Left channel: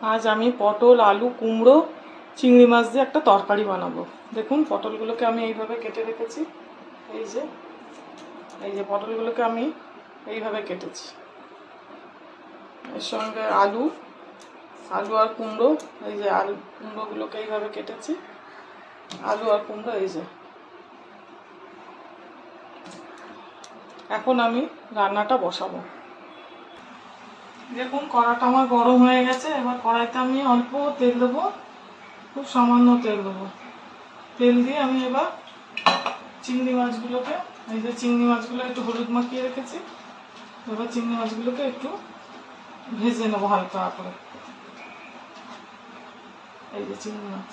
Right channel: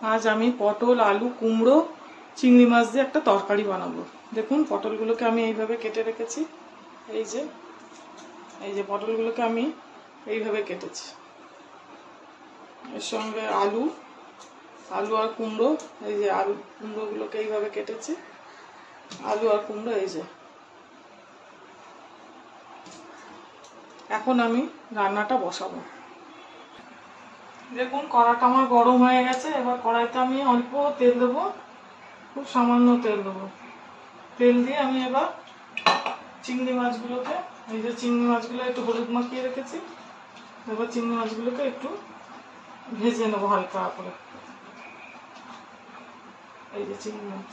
আজ আমি পটল আলু কুমড়ো চিংড়ি মাছ দিয়ে একটা তরকারি বানাবো। দেখুন পটলগুলোকে আমি এইভাবে কেটে রেখেছি। এই যে পটলগুলোকে আমি এইভাবে কেটেছি। এর সঙ্গে আলু আর কুমড়ো, এই যে আলু কুমড়োগুলোকে এইভাবে কেটেছি। আলু আর কুমড়ো এই যে। এখন আমি রান্নাটা বসাবো। দেখুন কড়াটা আমার গরম হয়ে গেছে। এবার কড়াইতে আমি অল্প তেল দেবো, খুব সামান্য তেল দেবো। তেল দিয়ে আমি এবার চিংড়ি মাছগুলোকে, এই যে চিংড়ি মাছগুলো একটু হলুদ মাখিয়ে রেখেছি, এবার চিংড়ি মাছগুলোকে একটু ভেজে নেবো হালকা করে। এই যে চিংড়ি মাছ,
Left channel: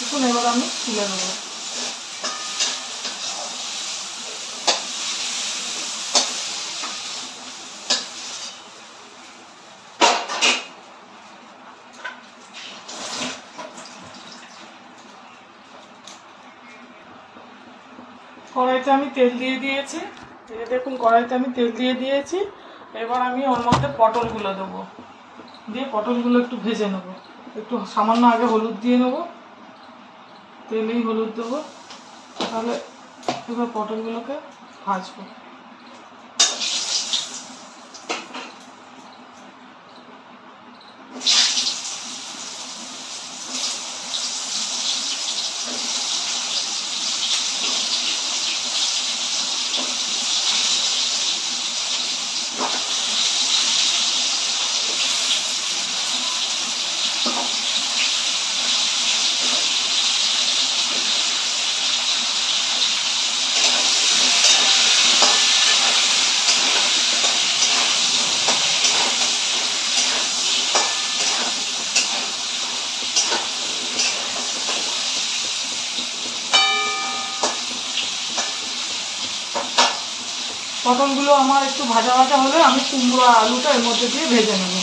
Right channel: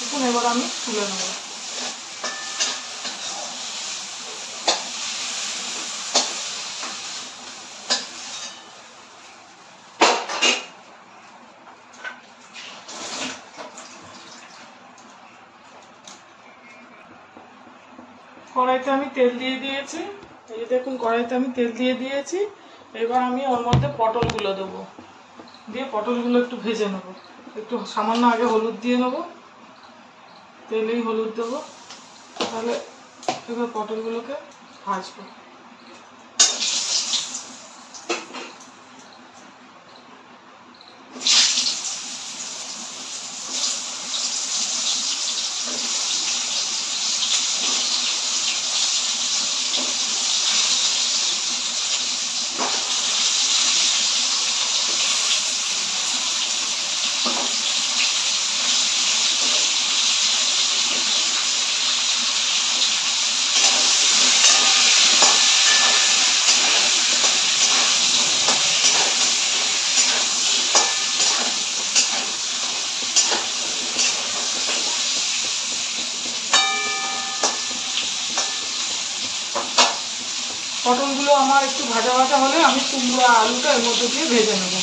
দেখুন এবার আমি তুলে নেবো। কড়াইতে আমি তেল দিয়ে দিয়েছি। এই দেখুন কড়াইতে আমি তেল দিয়ে দিয়েছি। এবার আমি ওর মধ্যে পটলগুলো দেবো, দিয়ে পটলগুলো একটু ভেজে নেবো। একটু সামান্য আগে হলুদ দিয়ে নেবো, তেলেই হলুদ দেবো। তাহলে এবার পটলগুলোকে ভাজবো। পটলগুলো আমার একটু ভাজা ভাজা হলে আমি কুমড়ো আর আলুটা এর মধ্যে দিয়ে ভেজে নেব।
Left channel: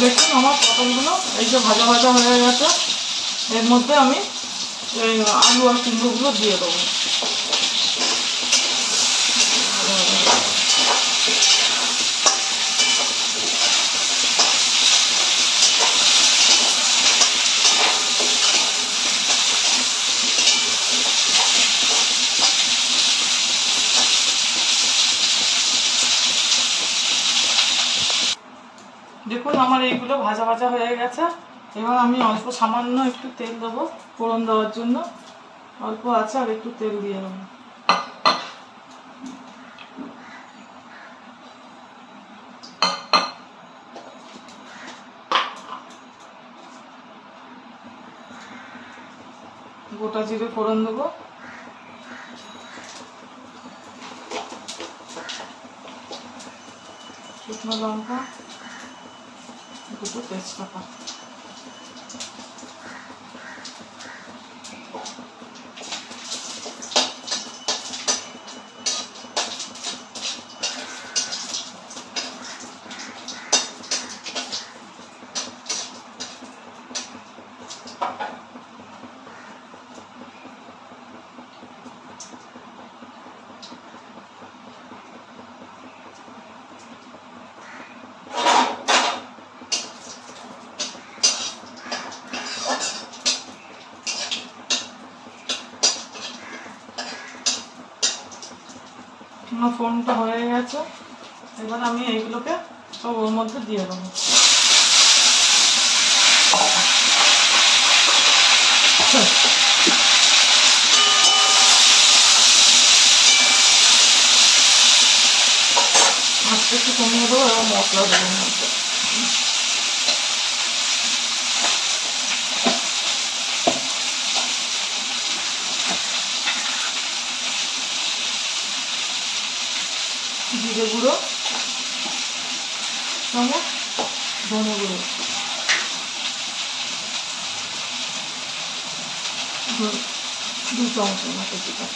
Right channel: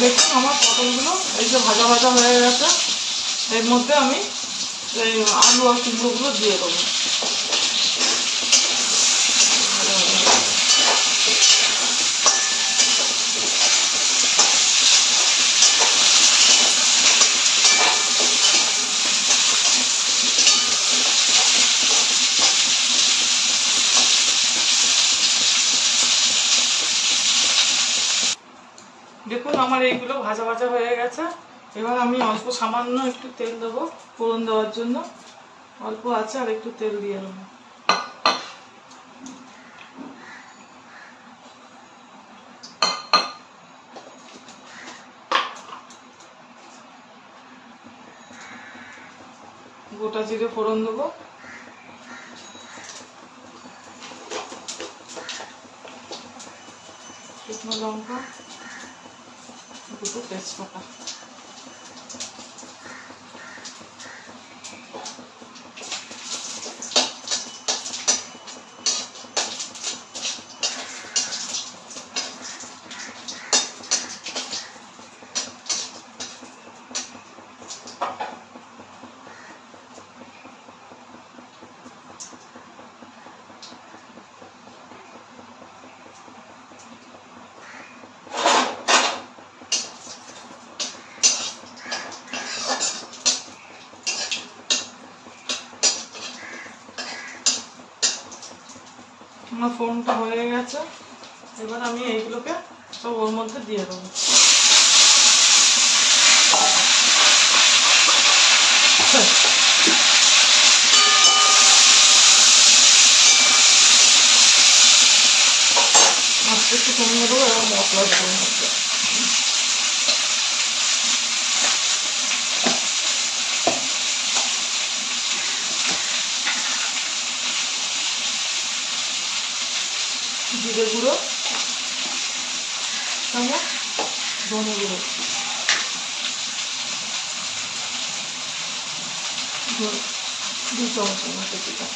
দেখুন আমার পটলগুলো এই যে ভাজা ভাজা হয়ে গেছে। এর মধ্যে আমি এই আলু আর কুমড়োগুলো দিয়ে দেবো। দেখুন আমার এইগুলো ভাজা ভাজা হয়ে গেছে। এবার আমি অল্প সামান্য একটু তেল দেবো ফোড়ন দেওয়ার জন্য। অল্প আছে, আর একটু তেল দিয়ে দেবো। গোটা জিরে ফোড়ন দেবো, শুকনো লঙ্কা, দুটো তেজপাতা। আমার ফোড়নটা হয়ে গেছে। এবার আমি এইগুলোকে সব ওর মধ্যে দিয়ে দেবো। আস্তে একটু কমিয়ে দেবো, এবার মশলা দেবো মধ্যে। জিরে গুঁড়ো, চামচ ধনে গুঁড়ো, 2 চামচের মতো দিলাম।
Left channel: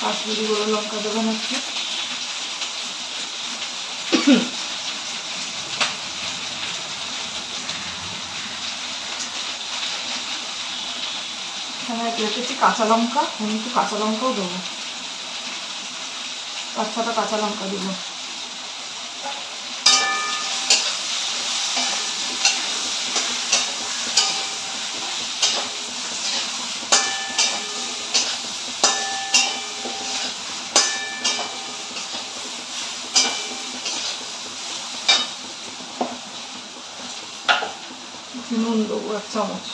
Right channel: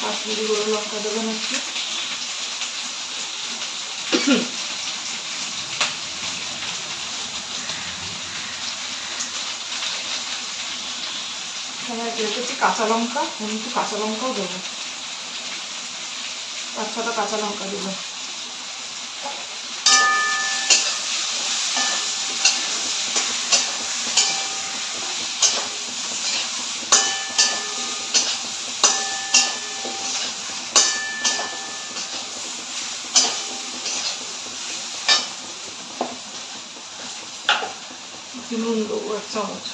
কাশ্মীরি গুঁড়ো লঙ্কা দেবেন একটু। এখানে রেখেছি কাঁচা লঙ্কা, আমি একটু কাঁচা লঙ্কাও দেবো, 5-6টা কাঁচা লঙ্কা দেবো। নুন দেবো 1 চামচ।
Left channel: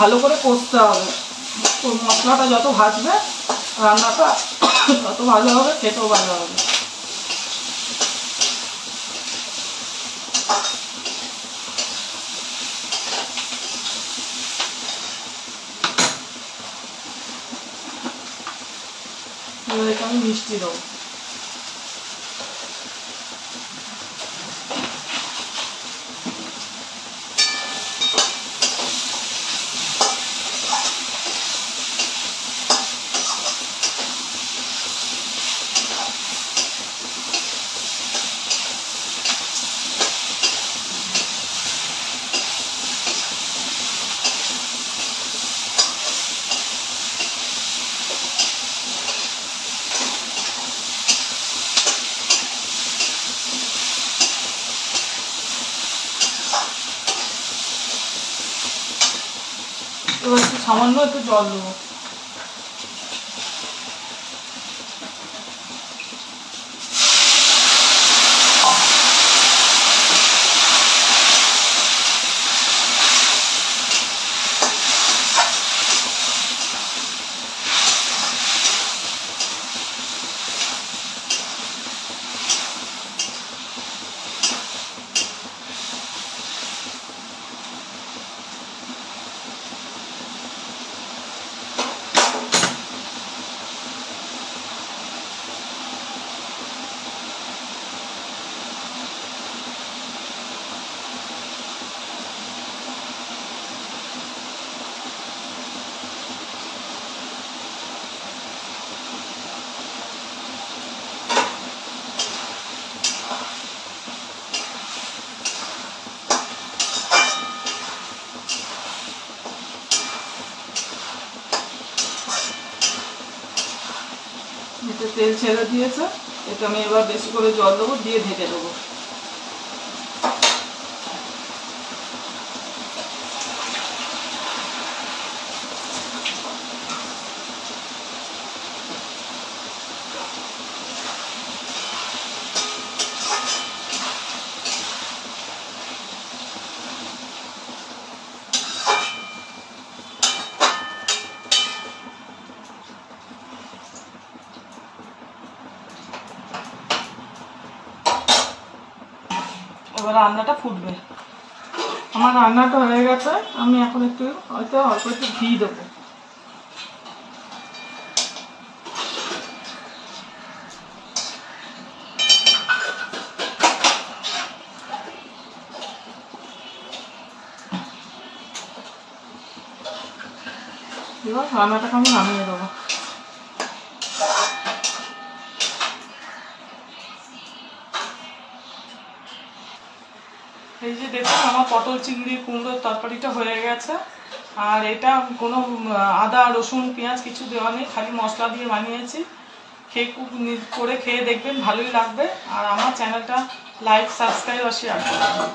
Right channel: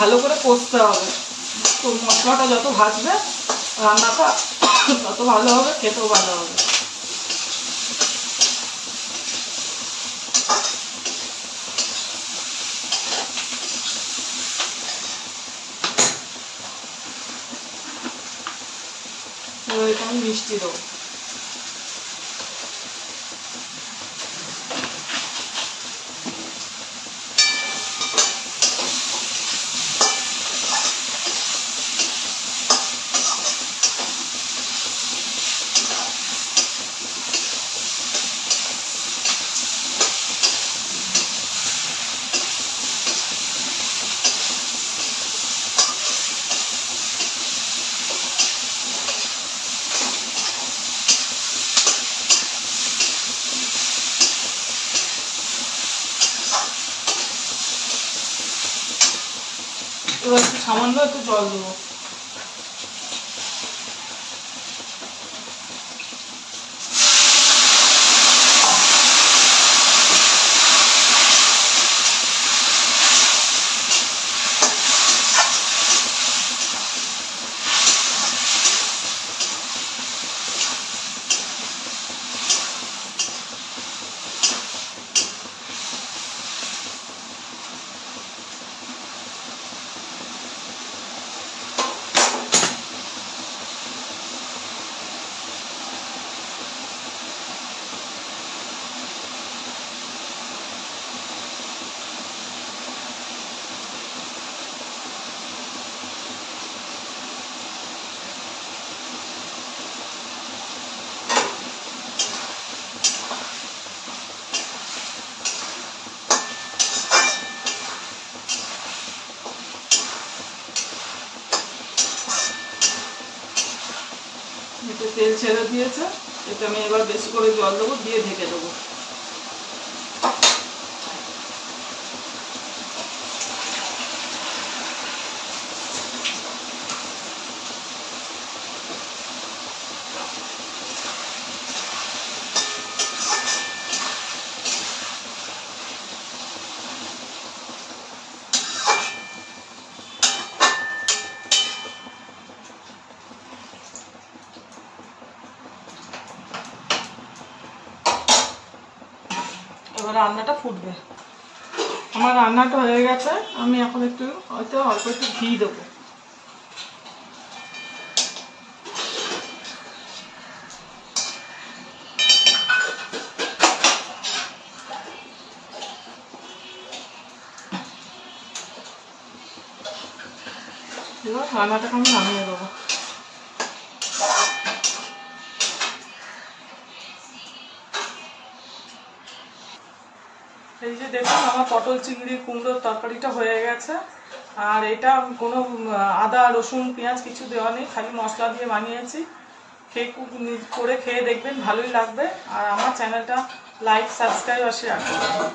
ভালো করে কষতে হবে, তো মশলাটা যত ভাজবে রান্নাটা তত ভালো হবে, খেতেও ভালো হবে। এবার এটা আমি মিষ্টি দেবো। এবার একটু সামান্য একটু জল দেবো। এটা তেল ছেড়ে দিয়েছে, এটা আমি এবার বেশি করে জল দেবো, দিয়ে ঢেকে দেবো। এবার রান্নাটা ফুটবে। আমার রান্নাটা হয়ে গেছে, আমি এখন একটু হয়তো অল্প একটু ঘি দেবো। এবার রান্নাটাকে আমি নামিয়ে দেবো। এই যে দেখুন আমার পটল চিংড়ি কুমড়োর তরকারিটা হয়ে গেছে। আর এটা কোনো আদা রসুন পেঁয়াজ কিছু দেওয়া নেই, খালি মশলা দিয়ে বানিয়েছি। খেয়ে করে খেয়ে দেখবেন, ভালোই লাগবে। আর আমার চ্যানেলটা লাইক সাবস্ক্রাইব আর শেয়ার করবেন।